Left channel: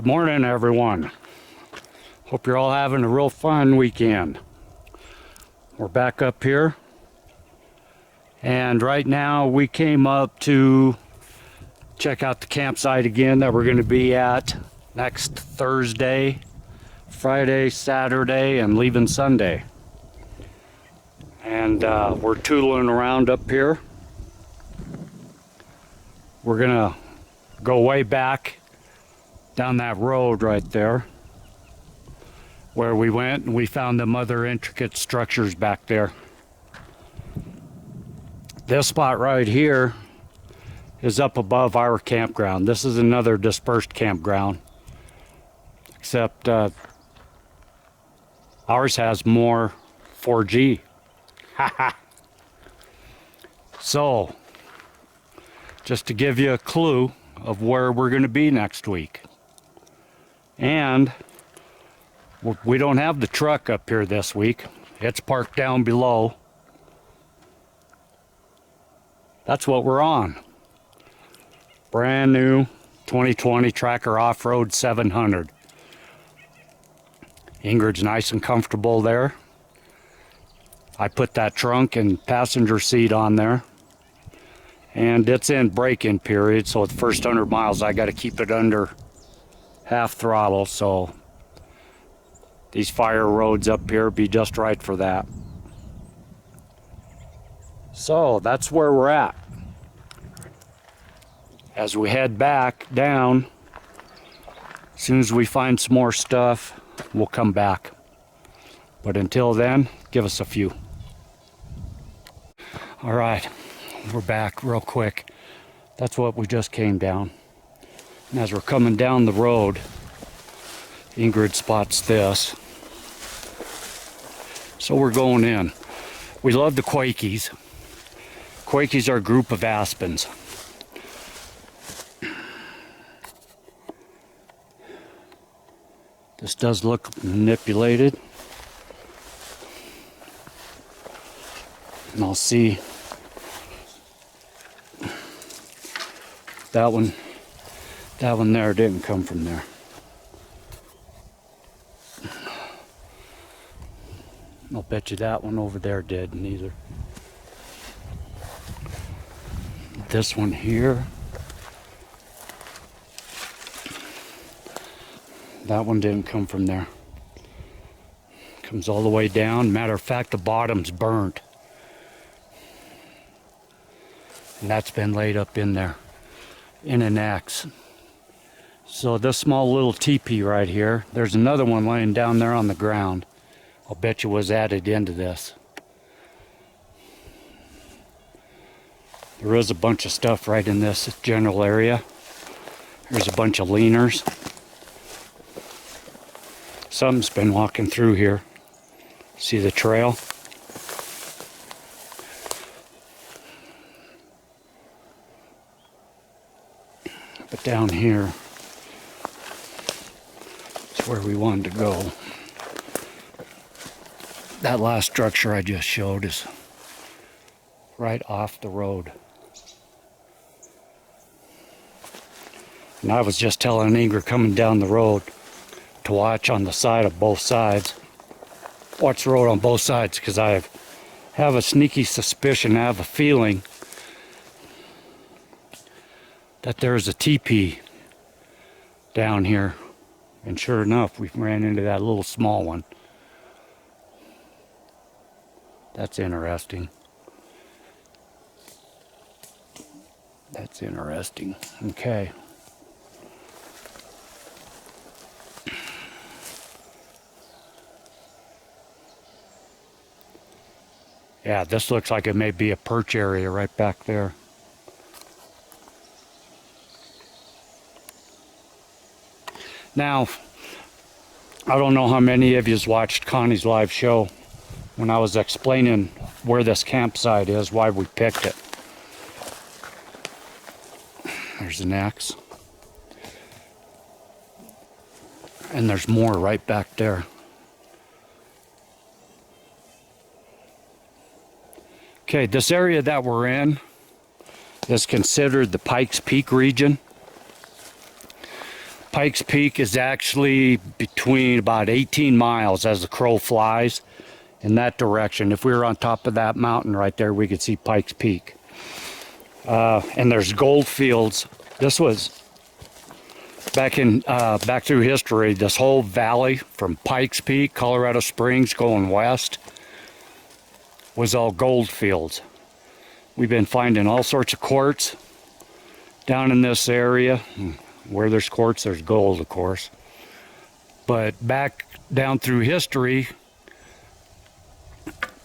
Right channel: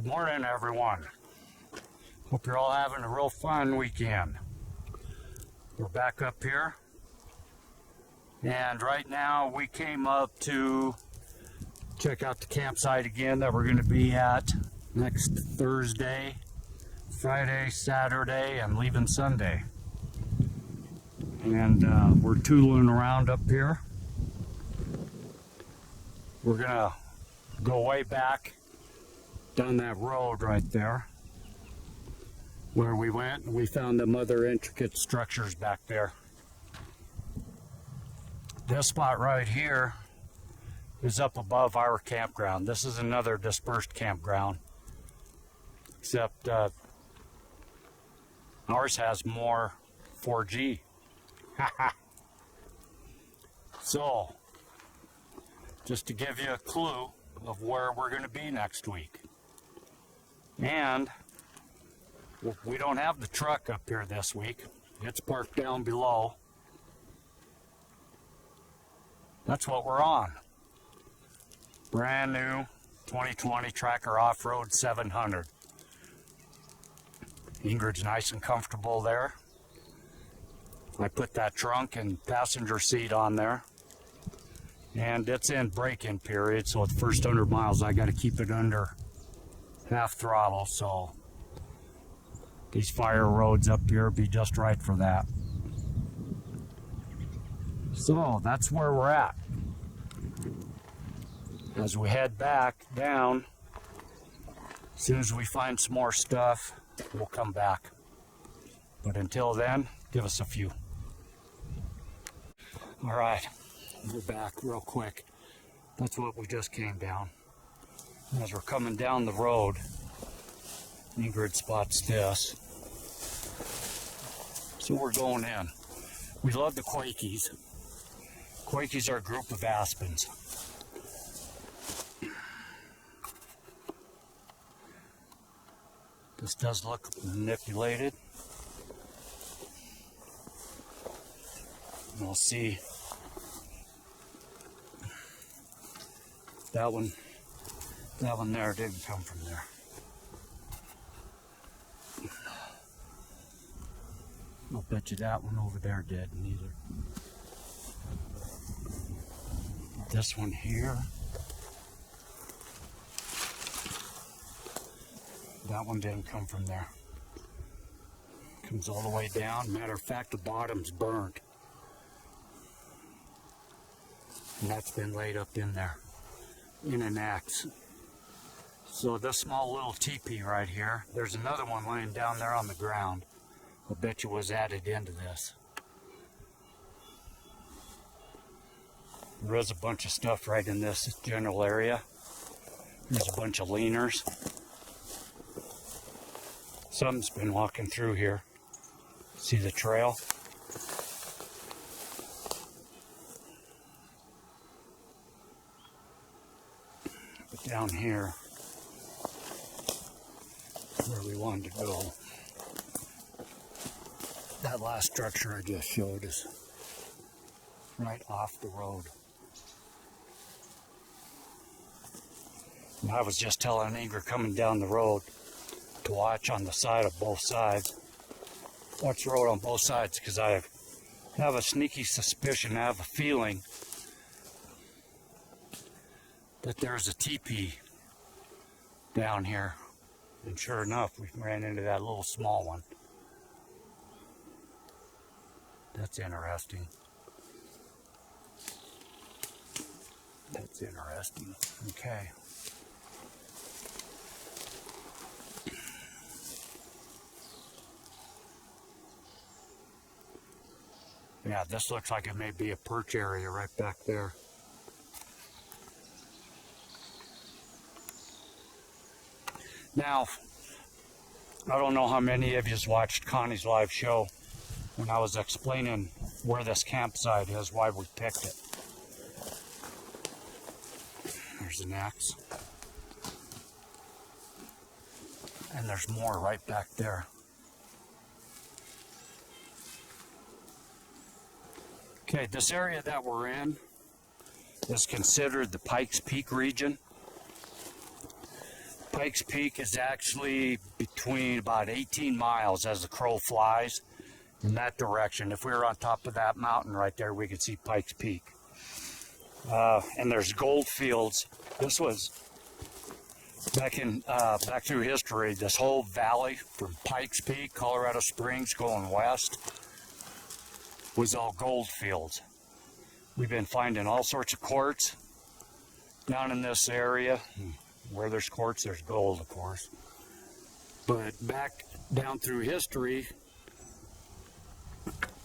Good morning, everyone. Hope you're all having a real fun weekend. We're back up here, and right now we came up to check out the campsite again that we're going to be at next Thursday, Friday, Saturday, and leaving Sunday. And we're tooling around up here. We're gonna go way back down that road right there where we went, and we found them other intricate structures back there. This spot right here is up above our campground. This is another dispersed campground, except ours has more 4G. So, just to give you a clue of where we're going to be next week. And we don't have the truck up here this week. It's parked down below. That's what we're on. Brand new 2020 Tracker Off-Road 700. Ingrid's nice and comfortable there. I put that trunk and passenger seat on there. And it's in break-in period, so the first 100 miles I got to keep it under half throttle, so these fire roads up here be just right for that. So that's where we're at. As we head back down, as soon as we find some more stuff, we'll come back. But until then, give us a few. All right, we're back real quick. That's what we just came down. And as we're coming down the road, Ingrid spots this. So we're going in. We love the Quakies. Quakies are a group of aspens. This does look manipulated. And I'll see that one there didn't come from there. I'll bet you that one over there did neither. This one here, that one didn't come from there. Comes all the way down. Matter of fact, the bottom's burnt. And that's been laid up in there in an X. So this small little teepee right here, there's another one laying down there on the ground. I'll bet you was added into this. There is a bunch of stuff right in this general area. There's a bunch of leaners. Something's been walking through here. See the trail? But down here is where we wanted to go. That last structure I just showed is right off the road. And I was just telling Ingrid coming down the road to watch on the side of both sides. Watch the road on both sides, because I have a sneaky suspicion, I have a feeling that there's a teepee down here. And sure enough, we ran into that little small one. That's interesting. That's interesting. Okay. Yeah, this looks like it may be a perch area right back there. Now, I don't know how many of you's watched Connie's live show when I was explaining where this campsite is, why we picked it. There's an X. And there's more right back there. Okay, this area that we're in is considered the Pikes Peak region. Pikes Peak is actually between about 18 miles as the crow flies in that direction. If we were on top of that mountain right there, we could see Pikes Peak. And there's gold fields. This was back through history. This whole valley from Pikes Peak, Colorado Springs, going west, was all gold fields. We've been finding all sorts of quartz down in this area. Where there's quartz, there's gold, of course. But back down through history,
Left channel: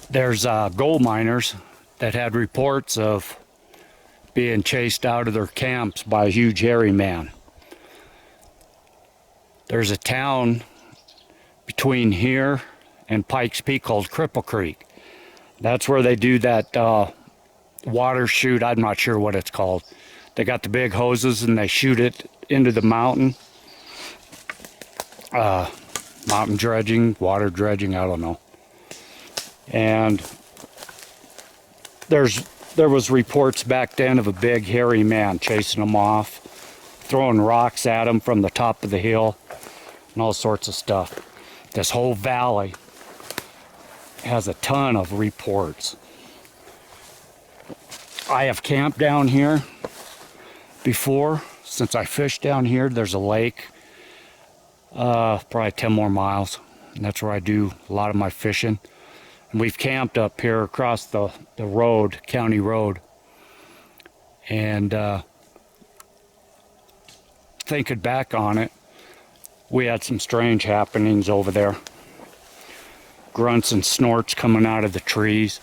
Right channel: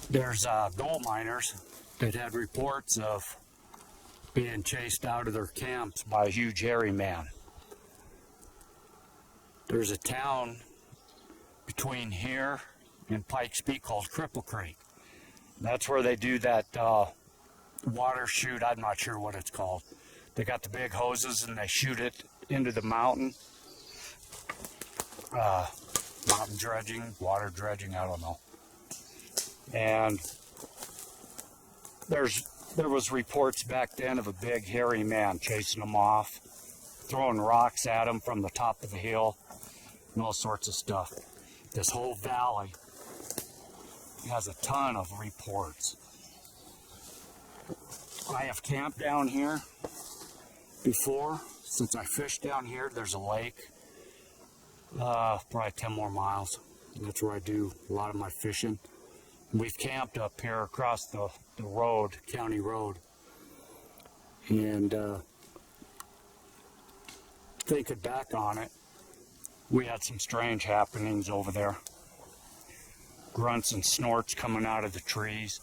there's gold miners that had reports of being chased out of their camps by a huge hairy man. There's a town between here and Pikes Peak called Cripple Creek. That's where they do that water shoot. I'm not sure what it's called. They got the big hoses and they shoot it into the mountain. Mountain dredging, water dredging, I don't know. And there was reports back then of a big hairy man chasing them off, throwing rocks at them from the top of the hill, and all sorts of stuff. This whole valley has a ton of reports. I have camped down here before. Since I fished down here, there's a lake, probably 10 more miles, and that's where I do a lot of my fishing. And we've camped up here across the road, county road, and thinking back on it, we had some strange happenings over there. Grunts and snorts coming out of the trees.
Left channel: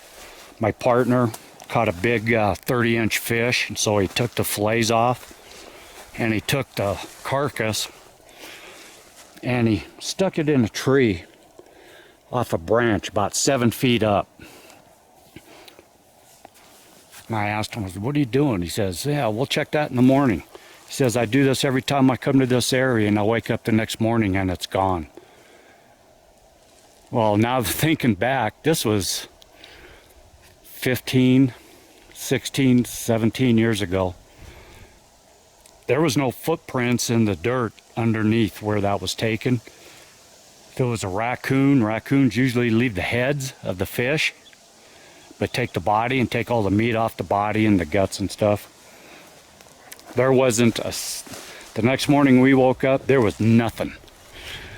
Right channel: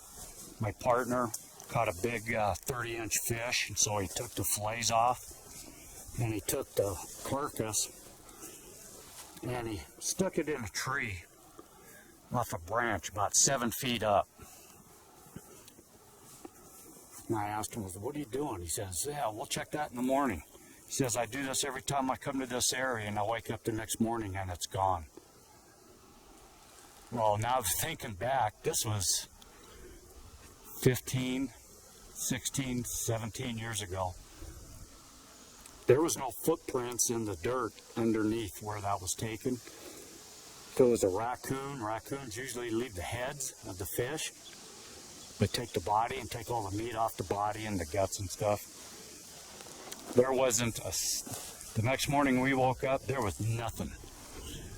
My partner caught a big 30-inch fish, and so he took the fillets off, and he took the carcass, and he stuck it in a tree off a branch about 7 feet up. And I asked him, what are you doing? He says, yeah, we'll check that in the morning. He says, I do this every time I come to this area, and I wake up the next morning and it's gone. Well, now thinking back, this was 15, 16, 17 years ago. There was no footprints in the dirt underneath where that was taken. If it was a raccoon, raccoons usually leave the heads of the fish, but take the body and take all the meat off the body and the guts and stuff. There wasn't the next morning we woke up, there was nothing.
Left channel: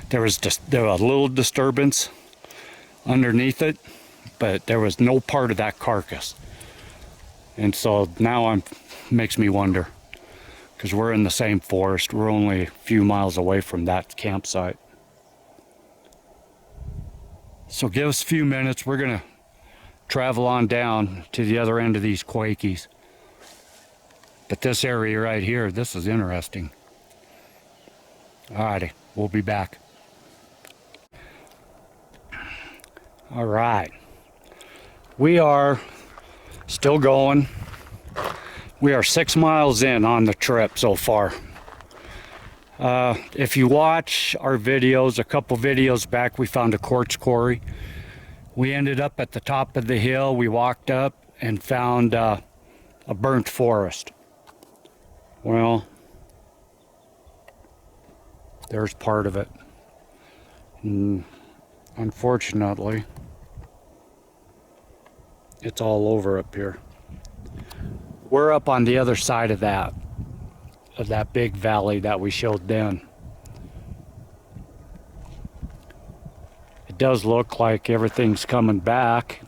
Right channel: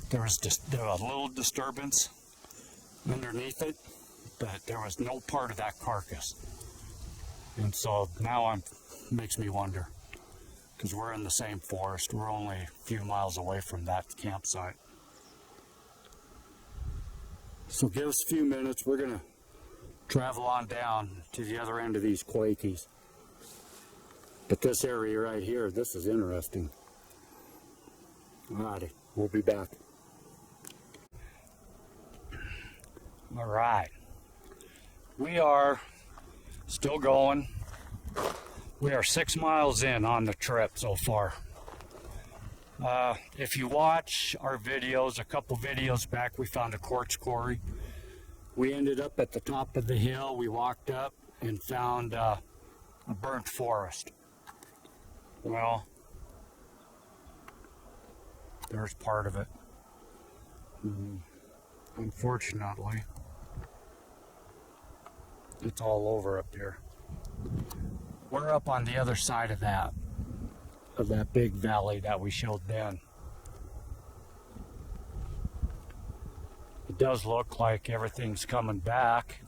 There was a little disturbance underneath it, but there was no part of that carcass. And so now makes me wonder, because we're in the same forest. We're only a few miles away from that campsite. So give us a few minutes. We're going to travel on down to the other end of these Quakies. But this area right here, this is interesting. Alrighty, we'll be back. All right. We are still going. We are 6 miles in on the trip so far. If you watch our videos, a couple videos back, we found a quartz quarry. We ended up at the top of the hill. We walked up and found a burnt forest. Well, there's part of it. Unfortunately, it's all over up here. We're up on the other side of that big valley that we showed then. It does look like everything's coming back,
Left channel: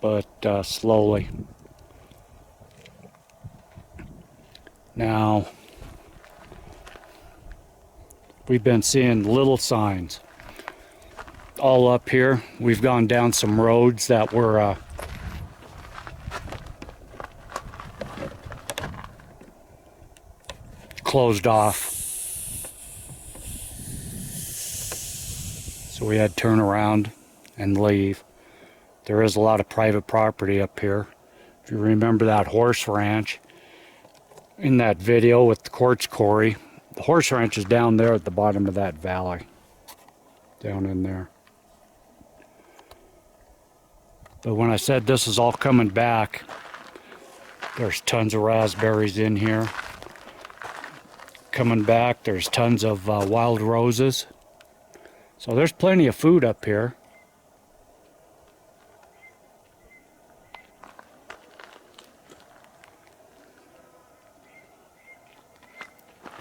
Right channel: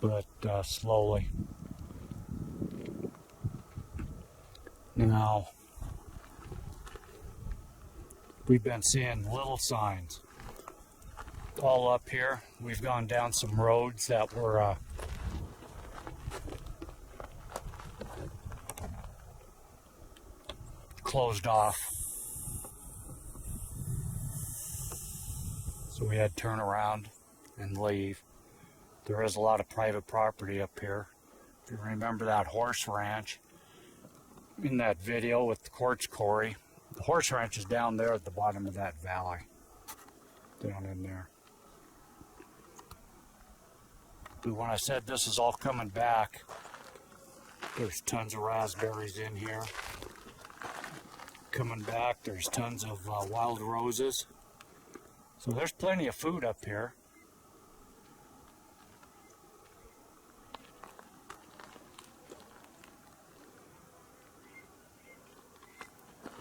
but slowly. Now, we've been seeing little signs all up here. We've gone down some roads that were closed off, so we had to turn around and leave. There is a lot of private property up here. If you remember that horse ranch in that video with the quartz quarry, the horse ranch is down there at the bottom of that valley, down in there. But when I said this is all coming back, there's tons of raspberries in here. coming back. There's tons of wild roses. So there's plenty of food up here.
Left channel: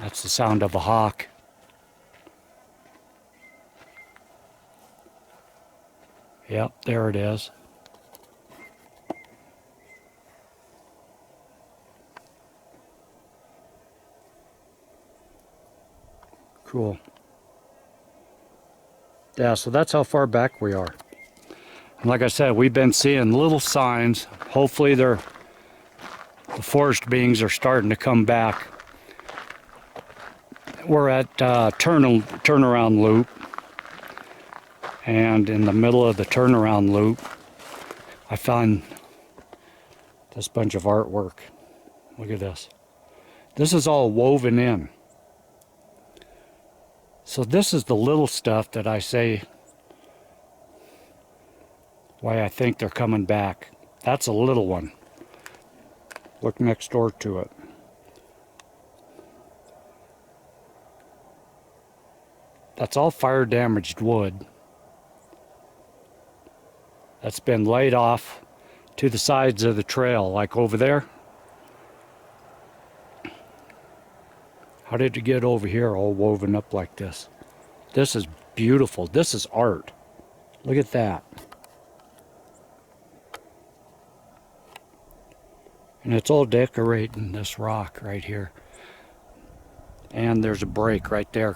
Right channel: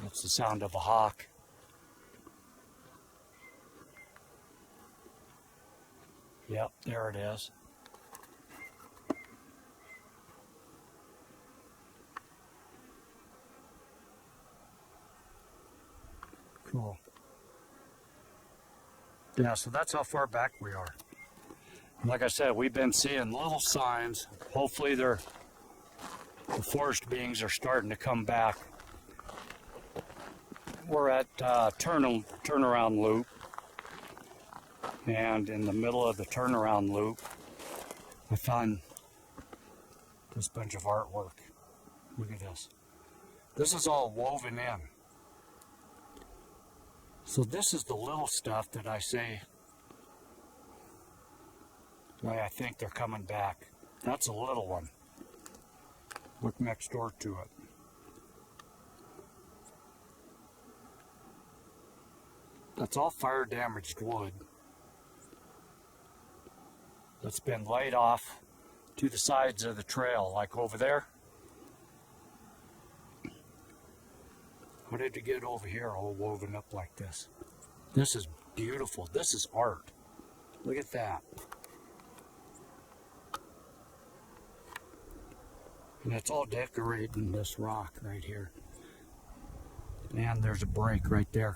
That's the sound of a hawk. Yep, there it is. Cool. Yeah, so that's how far back we are. And like I said, we've been seeing little signs. Hopefully the forest beings are starting to come back. We're at turnaround loop. And in the middle of the turnaround loop, I found this bunch of artwork. Look at this. This is all woven in. So this is the little stuff that I say why I think they're coming back. That's a little one. Look next door to it. That's all fire damaged wood that's been laid off to the sides of the trail, like over there. How did it get over here all woven up like this? This is beautiful. This is art. Look at that. And it's all decorating this rock right here. And there's a break right there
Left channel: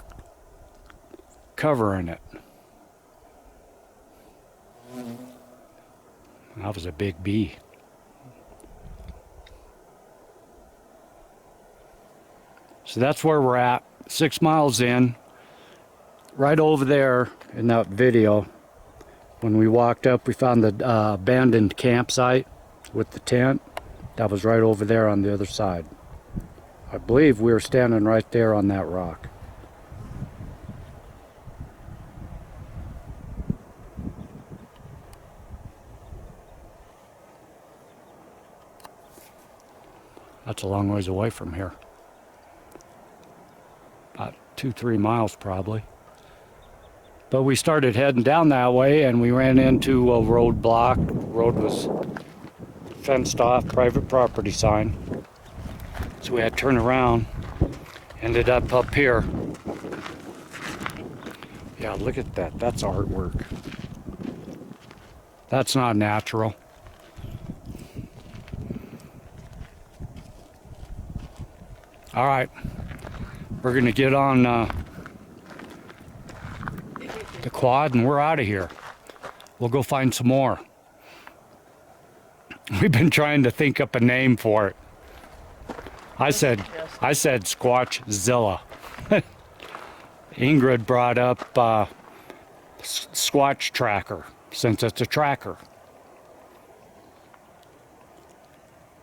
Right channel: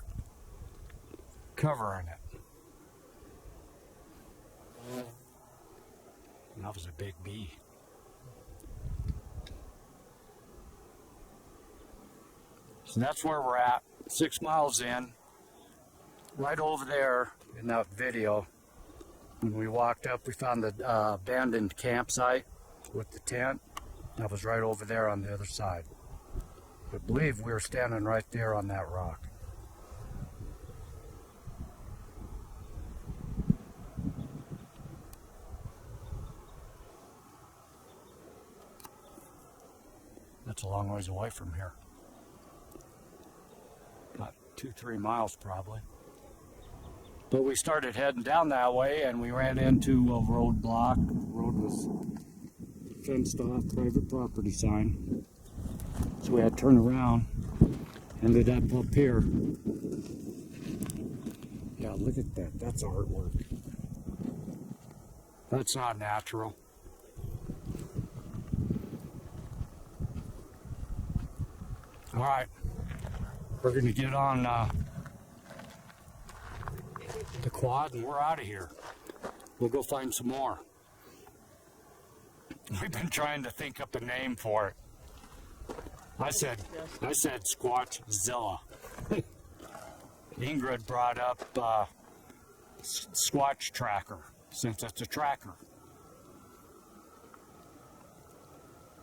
covering it. That was a big bee. So that's where we're at, 6 miles in. Right over there in that video, when we walked up, we found the abandoned campsite with the tent. That was right over there on the other side. I believe we were standing right there on that rock. That's a long ways away from here. About 2-3 miles probably. But we started heading down that way and we ran into a roadblock. The road was fenced off, private property sign. So we had to turn around. Ended up here. Yeah, look at that. That's artwork. That's not natural. All right. We're going to get on the quad and we're out of here. We'll go find some more. We've been trying to think up a name for it. I said SquatchZilla. Ingrid brought up Squatch Tracker, since it's a tracker.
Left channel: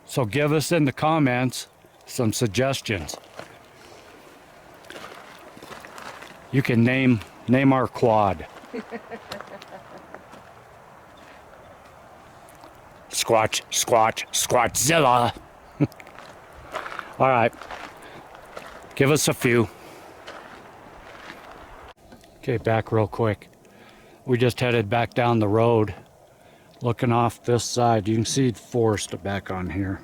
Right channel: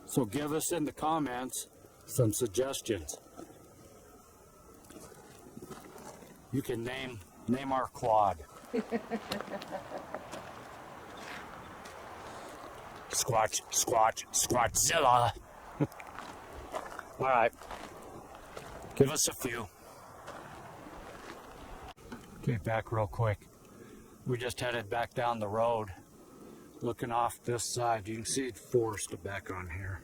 So give us in the comments some suggestions. You can name our quad. SquatchZilla. All right, give us a few. Okay, back real quick. We just headed back down the road, looking off this side. You can see the forest back on here.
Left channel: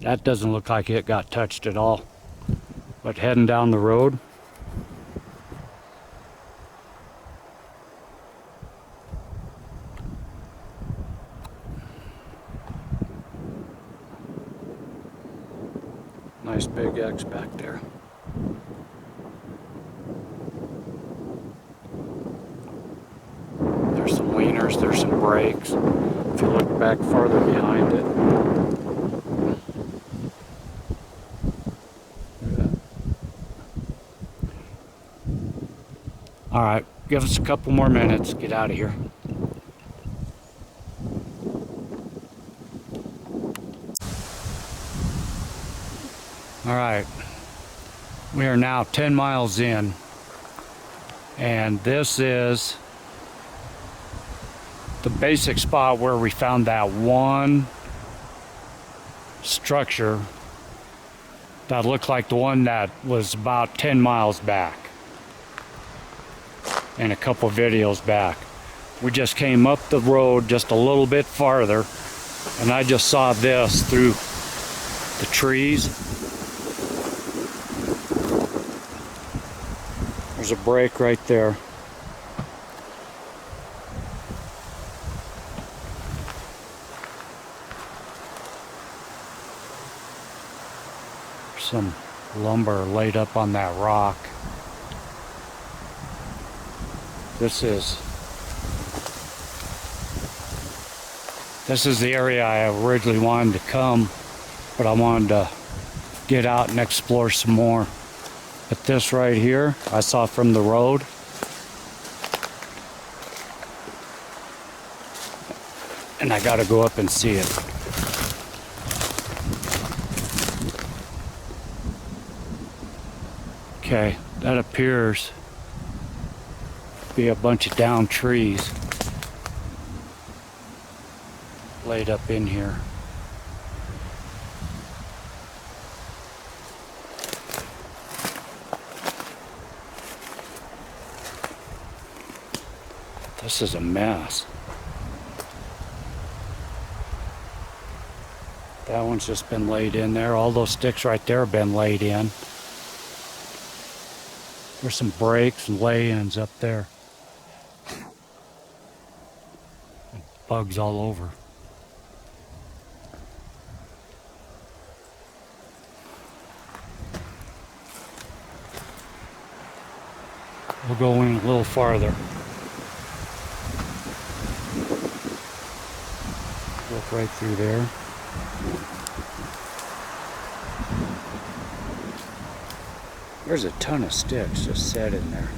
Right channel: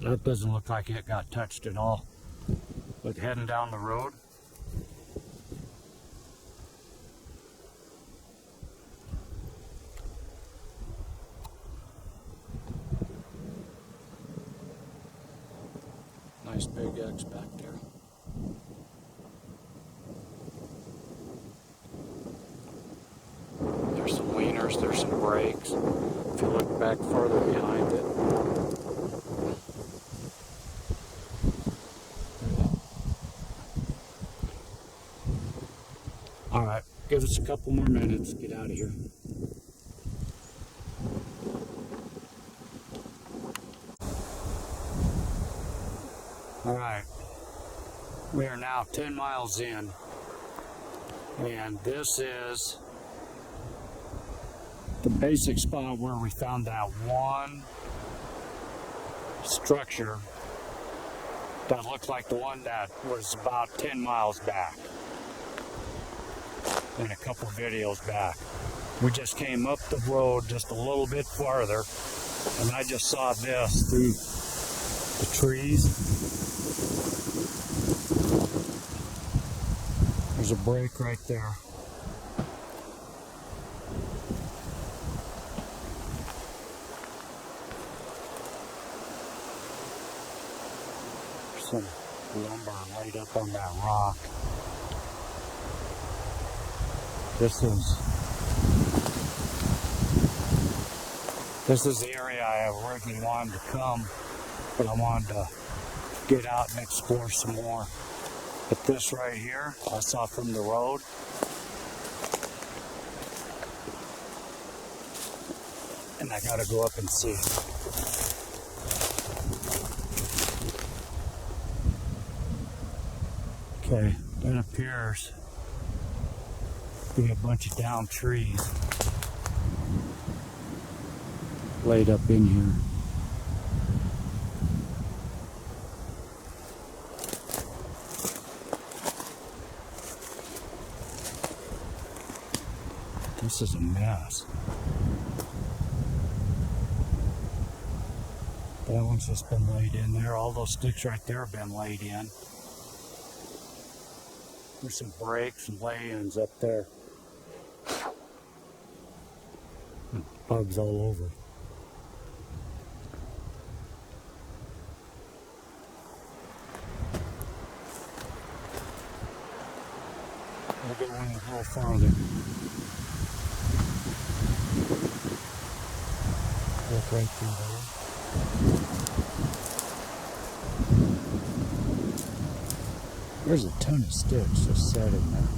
That doesn't look like it got touched at all. But heading down the road, nice big X back there. There's some leaners, there's some brakes. If you look back farther behind it, all right, give us a couple more minutes, get out of here. All right, we are now 10 miles in, and this is the basic spot where we found that one structure that looked like the one that was about 10 miles back and a couple videos back. We just came up the road just a little bit farther, and I just saw this through the trees. There's a break right there. There's some lumber laid up on that rock. This is the area I originally wanted to come, but I wanted to get out and explore some more. But this right here, I saw from the road. And I gotta go up and see it. Okay, that appears to be a bunch of downed trees laid up in here. This is a mess. That one's just been laid in there. All those sticks right there have been laid in. There's some breaks and lay-ins up there. And bugs all over. We'll go in a little farther. Look right through there. There's a ton of sticks just set in there.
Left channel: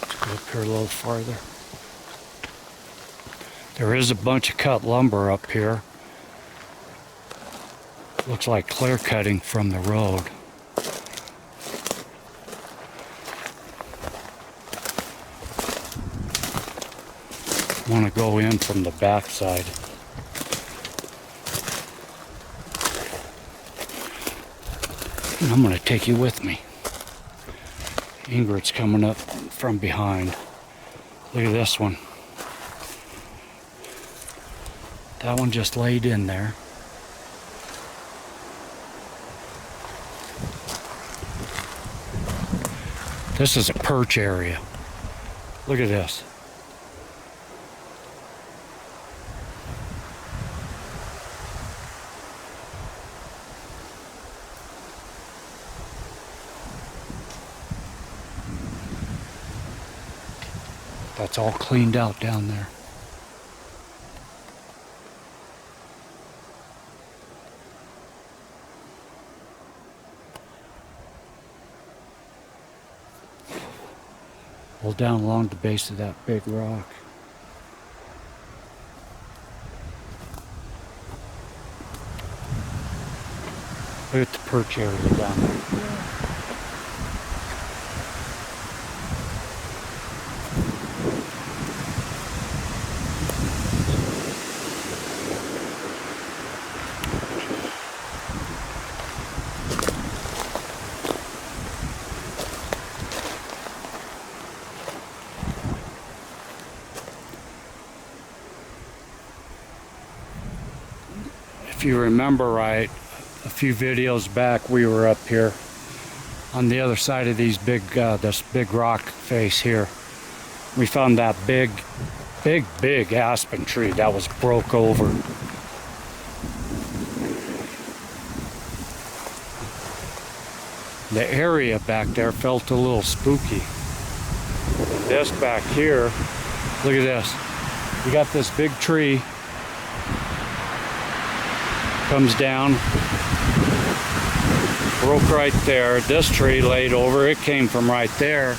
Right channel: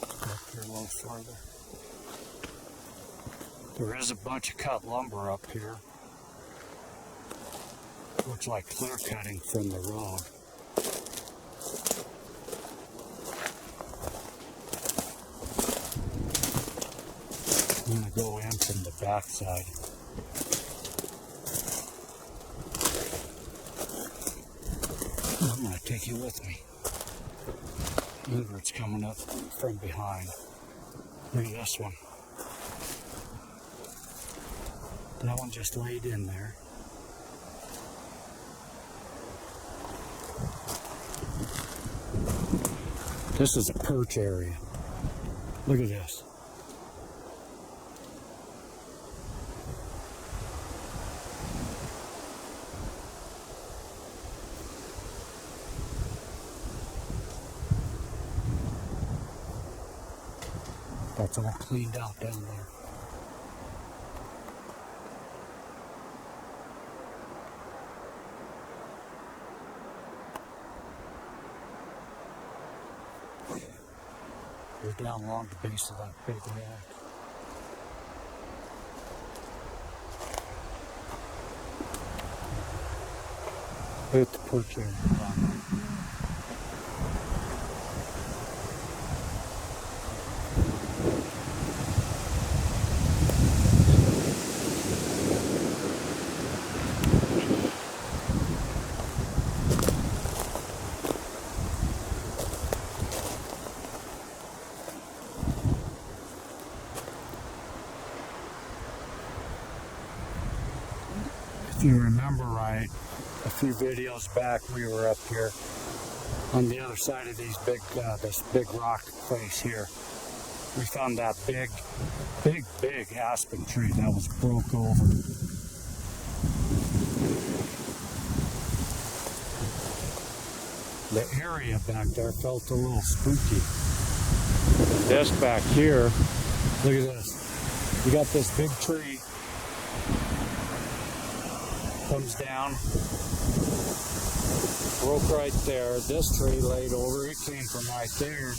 Let's go up here a little farther. There is a bunch of cut lumber up here. Looks like clear cutting from the road. I want to go in from the back side. And I'm going to take you with me. Ingrid's coming up from behind. Look at this one. That one just laid in there. This is a perch area. Look at this. That's all cleaned out down there. Well, down along the base of that big rock. Look at the perch area down there. If you remember right, a few videos back we were up here on the other side of these this big rock face here. We found that big aspen tree that was broke over. The area back there felt a little spooky. This back here, look at this. You got this big tree. Comes down, broke right there. This tree laid over, it came from right there,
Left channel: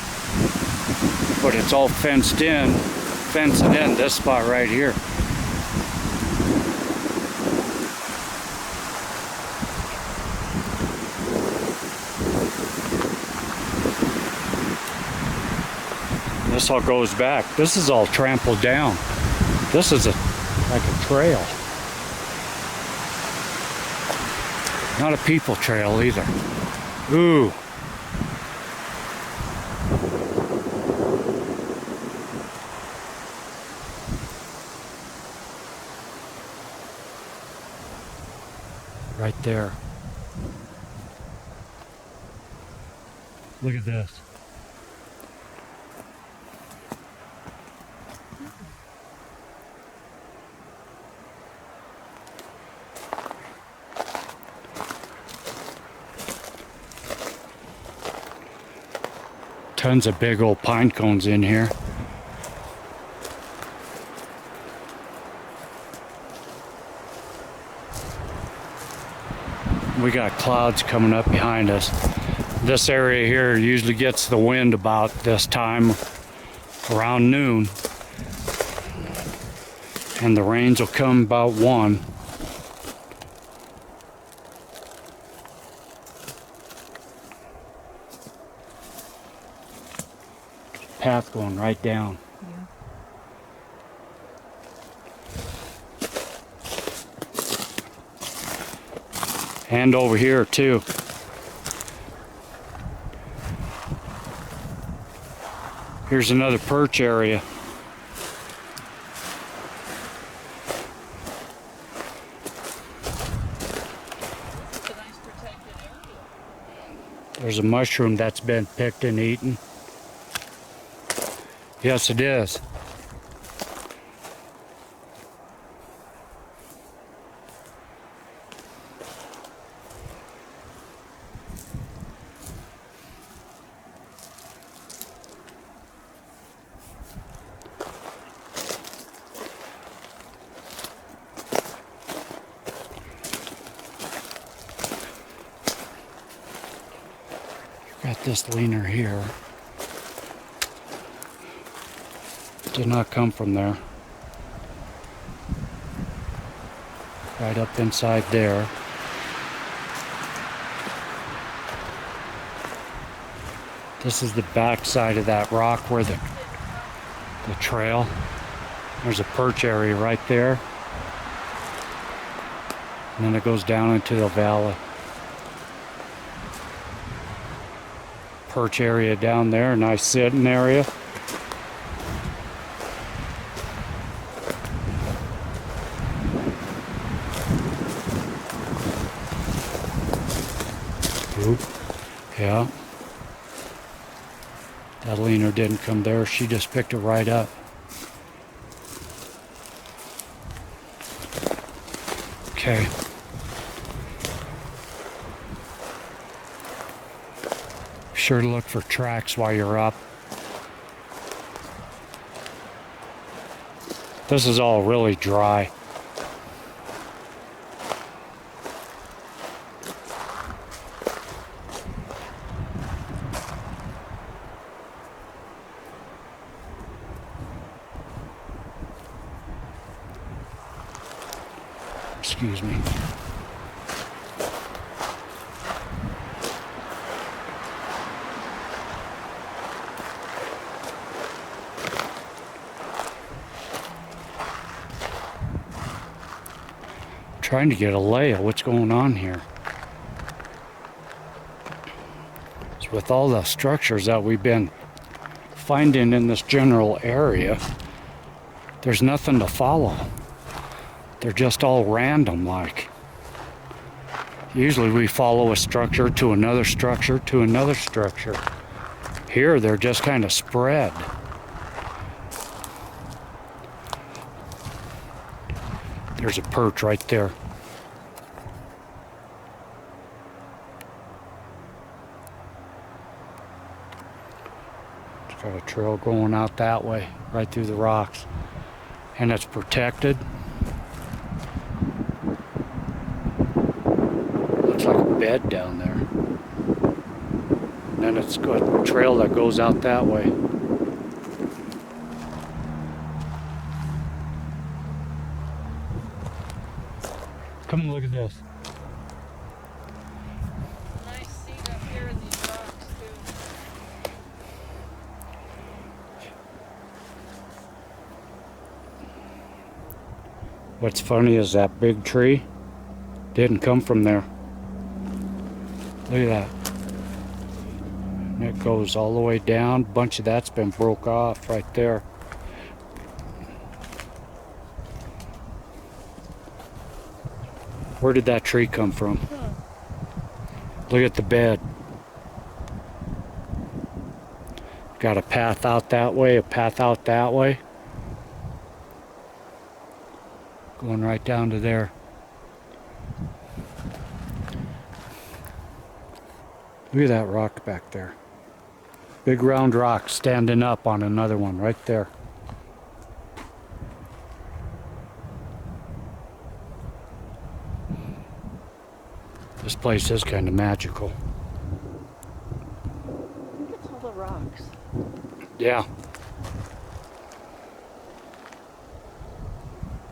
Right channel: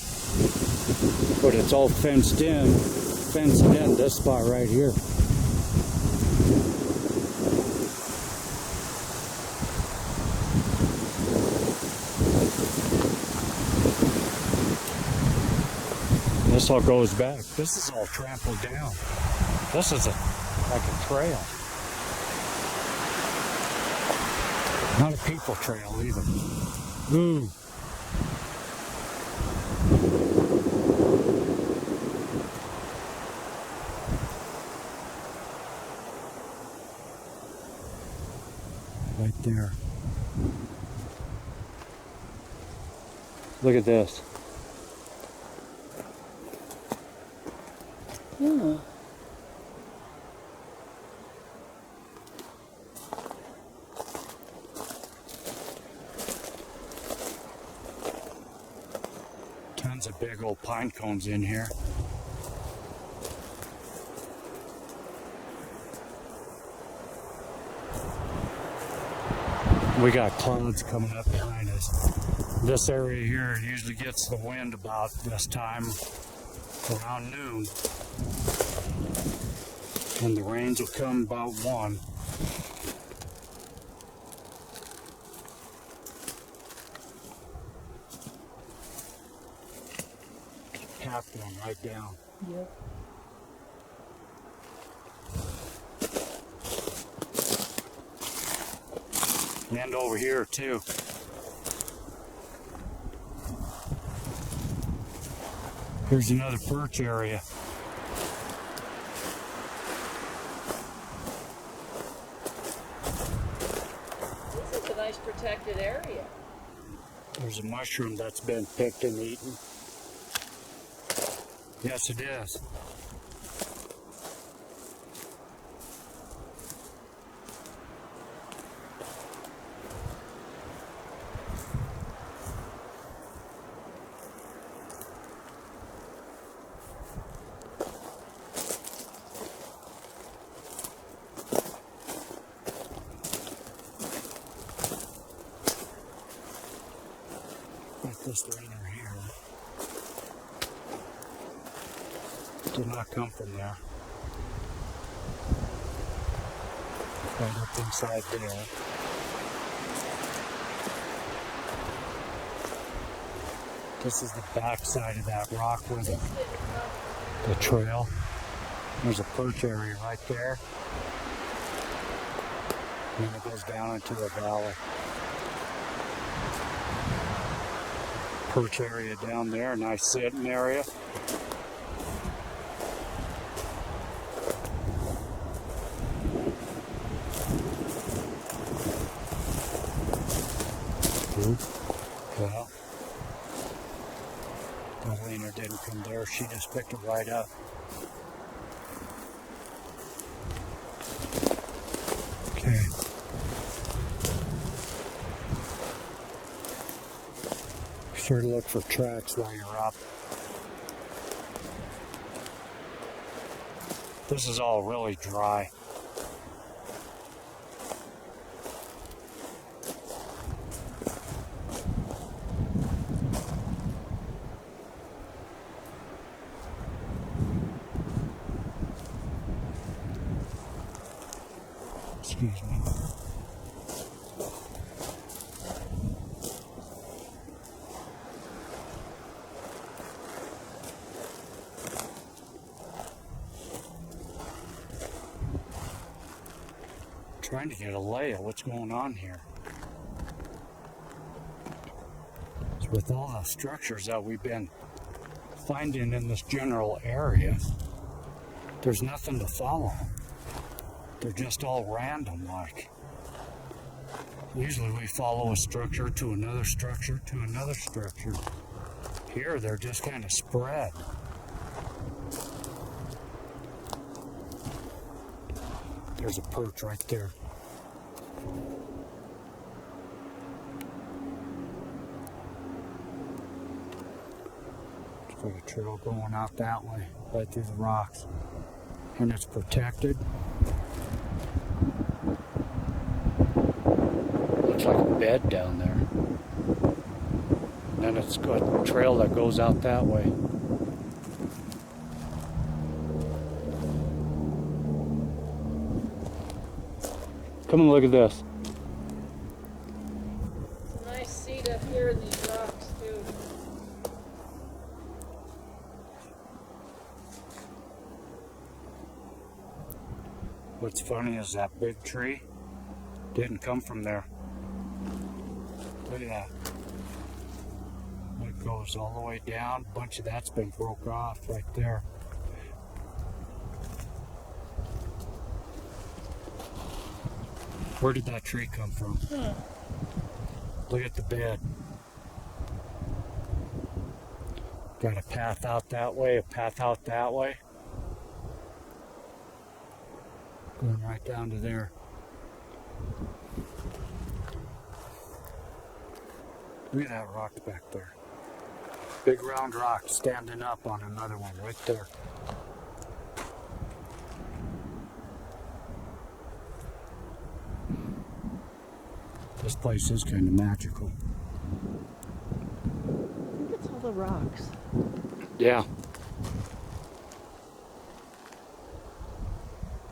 but it's all fenced in, fencing in this spot right here. This all goes back. This is all trampled down. This is like a trail. Not a people trail either. Ooh. Right there. Look at this. Hmm. Tons of big old pine cones in here. We got clouds coming up behind us. This area here usually gets the wind about this time, around noon. And the rains will come about 1. Path going right down. Yep. And over here too. Here's another perch area. This is a nice protected area. There's a mushroom that's been picked and eaten. Yes, it is. Got this leaner here. Did not come from there. Right up inside there. This is the back side of that rock where the trail. There's a perch area right there. And then it goes down into the valley. Perch area down there, nice sitting area. Oop. Yeah. That leaner didn't come there, she just picked it right up. Okay. Be sure to look for tracks while you're up. This is all really dry. Excuse me. Trying to get a lay of what's going on here. So with all the structures that we've been finding in this general area, there's nothing to follow. They're just all random like. Usually we follow a structure to another structure to another structure. Here they're just kind of spread. There's a perch right there. It's got a trail going out that way, right through the rocks. And it's protected. Looks like a bed down there. And then it's got a trail that goes out that way. Come and look at this. Nice seat up here in these rocks too. What's funny is that big tree didn't come from there. Look at that. It goes all the way down. A bunch of that's been broke off right there. Where did that tree come from? Huh. Look at the bed. Got a path out that way, a path out that way. Going right down to there. Look at that rock back there. Big round rock standing up on another one right there. This place is kind of magical. Look at all the rocks. Yeah.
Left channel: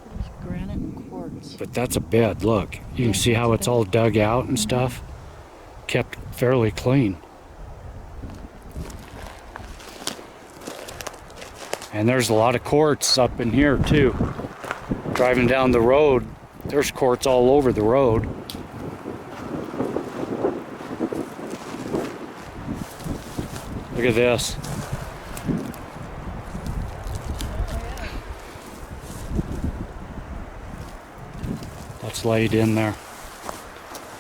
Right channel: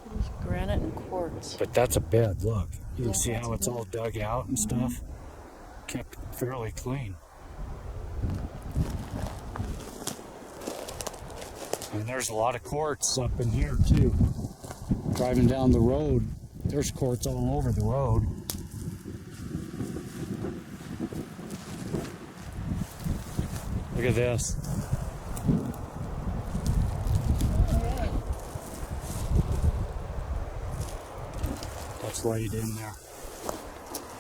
There's granite and quartz. But that's a bed, look. You Yeah, can see that's how a it's bed. all dug out and stuff. Kept fairly clean. And there's a lot of quartz up in here too. Driving down the road, there's quartz all over the road. Look at this. Oh, yeah. That's laid in there.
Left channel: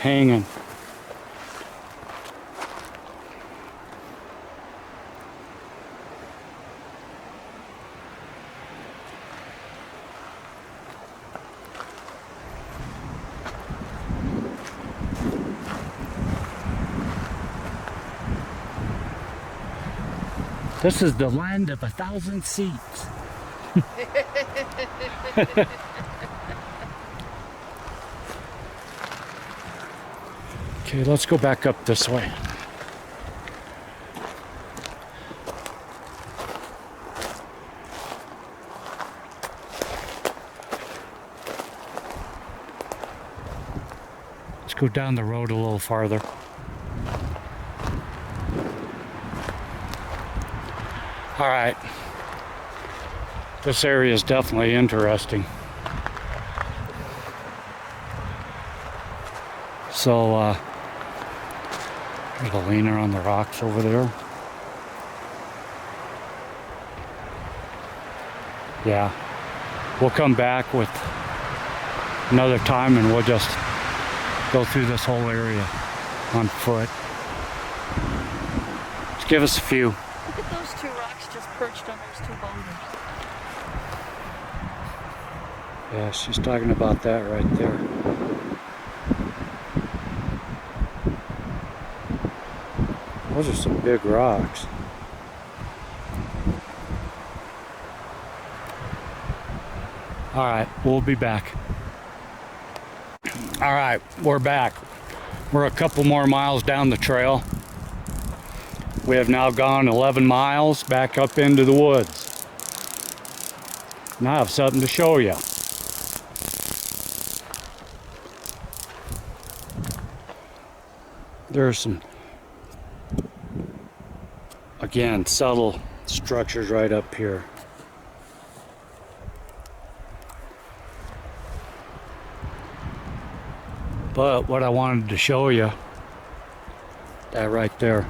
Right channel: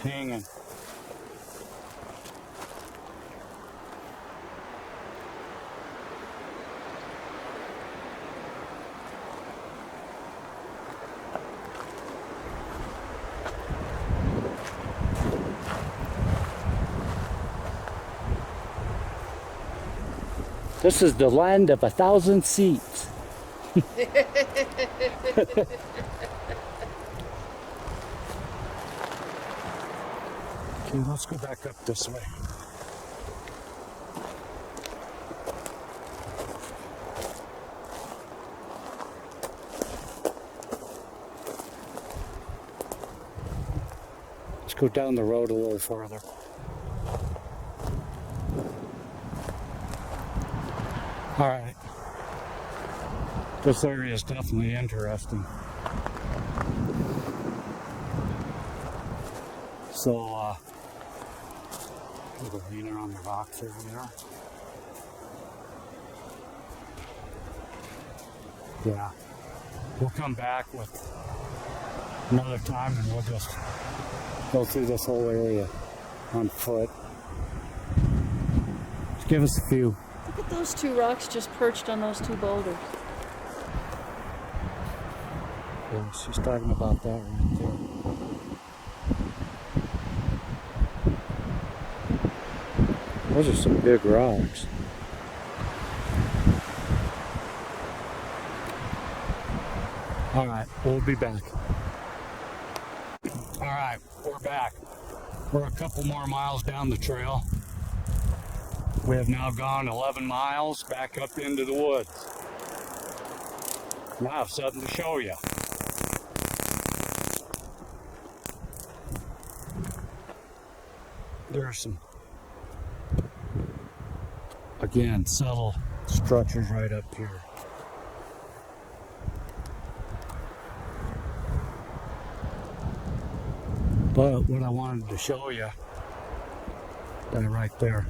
Hanging. This is the land of 1,000 seats. Okay, let's go back up this way. Let's go down the road a little farther. All right. This area is definitely interesting. So, there's a leaner on the rocks over there. Yeah. We'll come back with another time and we'll just go through this whole area on foot. Just give us a few. Look at those two rocks just perched on those two boulders. Yeah, she's talking about that right there. Those are some big rocks. All right, we'll be back. All right, we're back. We're a couple more miles down the trail. We have now gone 11 miles back up into the woods. And I have something to show you. There's some, again, subtle structures right up here. But what I wanted to show you, that right there.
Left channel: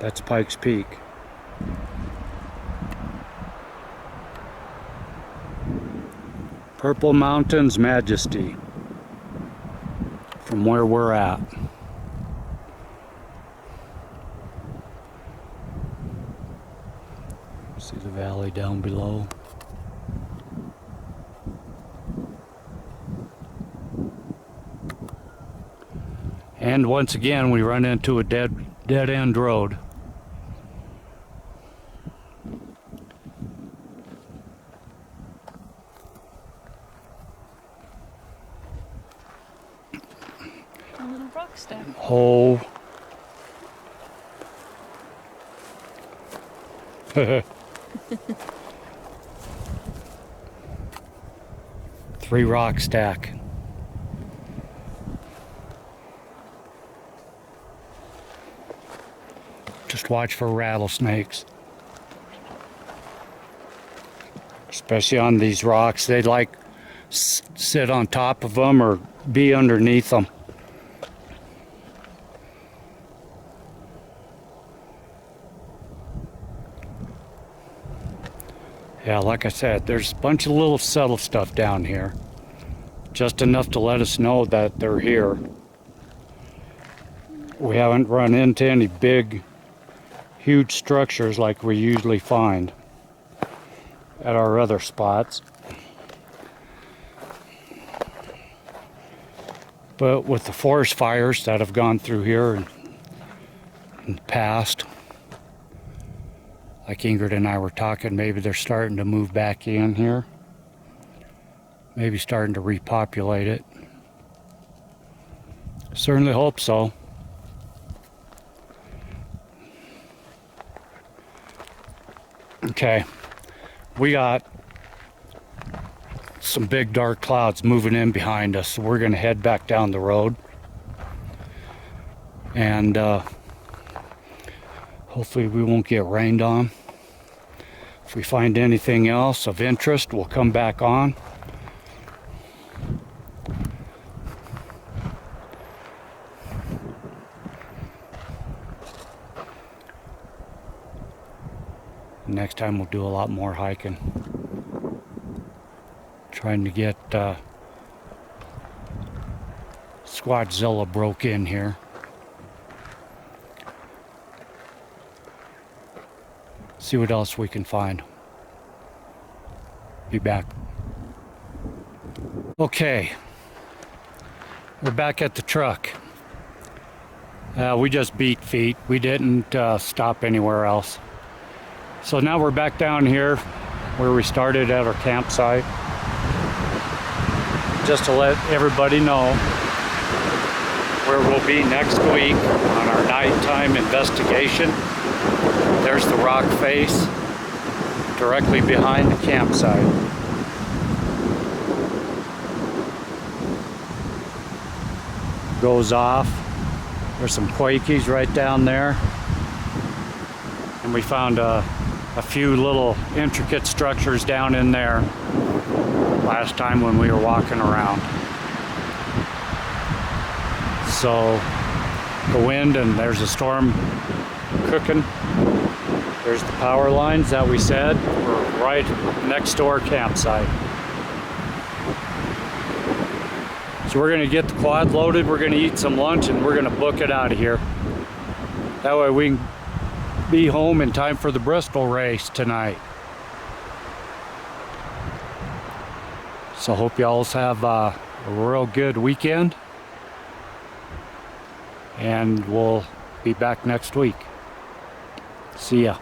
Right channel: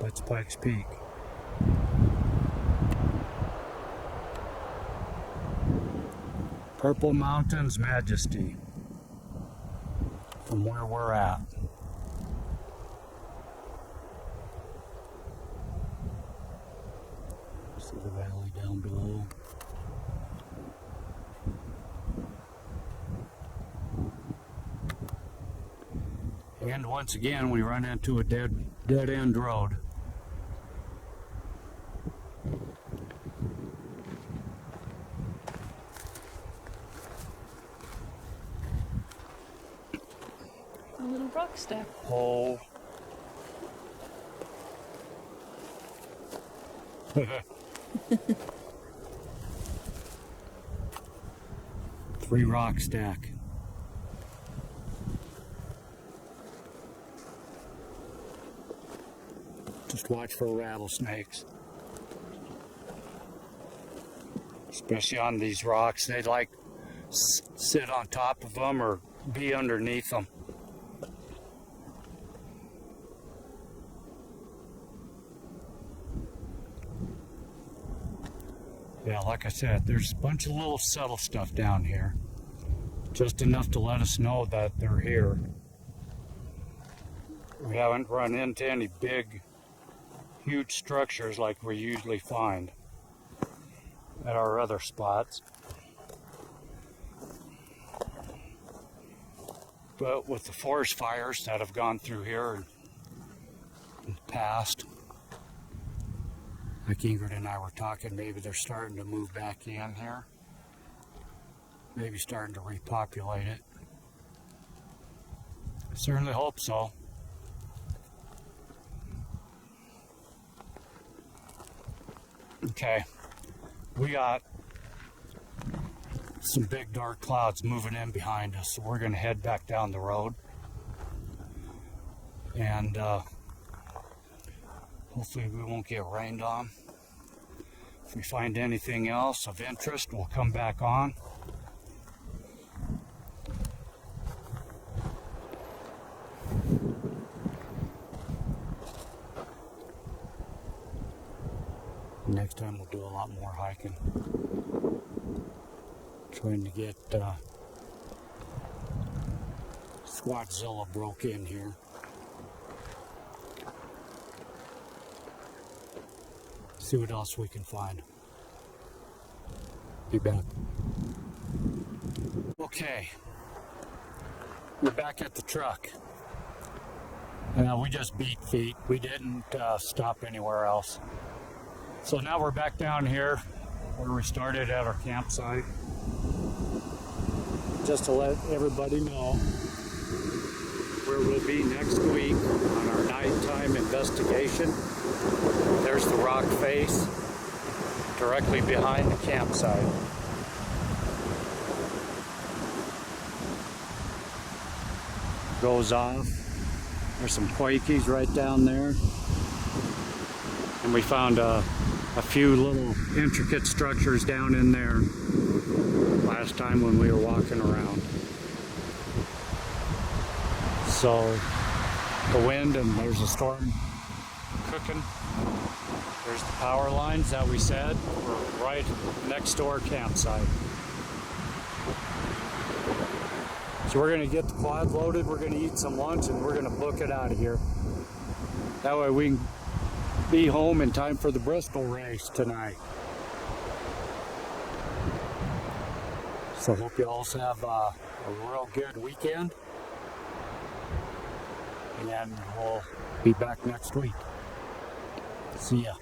That's Pikes Peak. Purple Mountains Majesty from where we're at. See the valley down below. And once again we run into a dead end road. A little rock stack. Oh. Three rock stack. Just watch for rattlesnakes. Especially on these rocks. They like sit on top of them or be underneath them. Yeah, like I said, there's a bunch of little subtle stuff down here. Just enough to let us know that they're here. We haven't run into any big, huge structures like we usually find at our other spots. But with the forest fires that have gone through here in the past, like Ingrid and I were talking, maybe they're starting to move back in here. Maybe starting to repopulate it. Certainly hope so. Okay, we got some big dark clouds moving in behind us, so we're going to head back down the road. And hopefully we won't get rained on. If we find anything else of interest, we'll come back on. Next time we'll do a lot more hiking. Trying to get SquatchZilla broke in here. See what else we can find. Be back. Okay, we're back at the truck. We just beat feet. We didn't stop anywhere else. So now we're back down here where we started at our campsite. Just to let everybody know where we'll be next week on our nighttime investigation. There's the rock face directly behind the campsite. Goes off. There's some quakies right down there. And we found a few little intricate structures down in there last time when we were walking around. So the wind, and there's a storm cooking. There's the power lines that we said were right next to our campsite. So we're gonna get the quad loaded, we're gonna eat some lunch, and we're gonna book it out of here. That way we can be home in time for the Bristol race tonight. So hope y'all have a real good weekend, and we'll be back next week. See ya.